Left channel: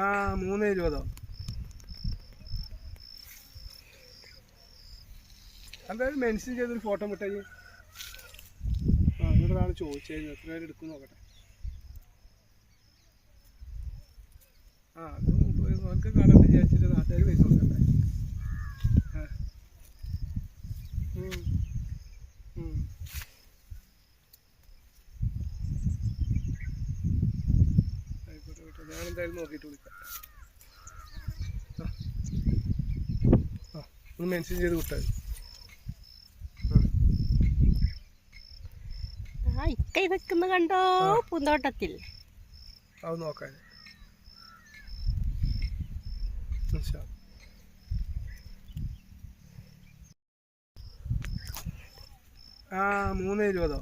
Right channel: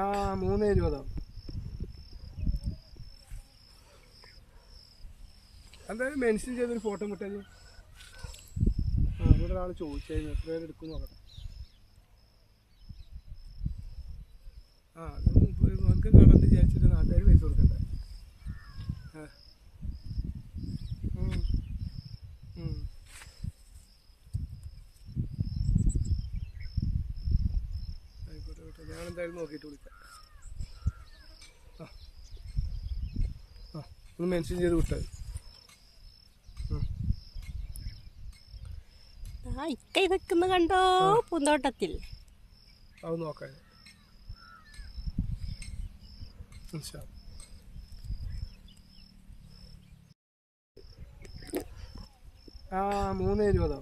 ആ 3:20. എന്തായാലും മെൻഷൻ ചെയ്തൊരു ഫോട്ടോ വിട്ടേ. ഇവിടെ ഒരാൾ ചോദിച്ചായിരുന്നു എത്ര പേര് എടുക്കും നോക്കട്ടെ. അത് നമുക്ക് കാണാൻ വിചാരിച്ചിട്ട് നാട്ടുകാർ പൈസ കൊടുക്കണ്ടേ. ആയിക്കോട്ടെ, ഞാനെന്തായാലും നോക്കിയിട്ട് വിളിക്കാം. ഒന്ന് മെൻഷൻ ചെയ്ത് വിട്ടാൽ ഇക്ക നിൽക്കുന്ന കണ്ടോ പൂന്തോട്ടത്തിൽ. അത് നോക്കാൻ 3:20.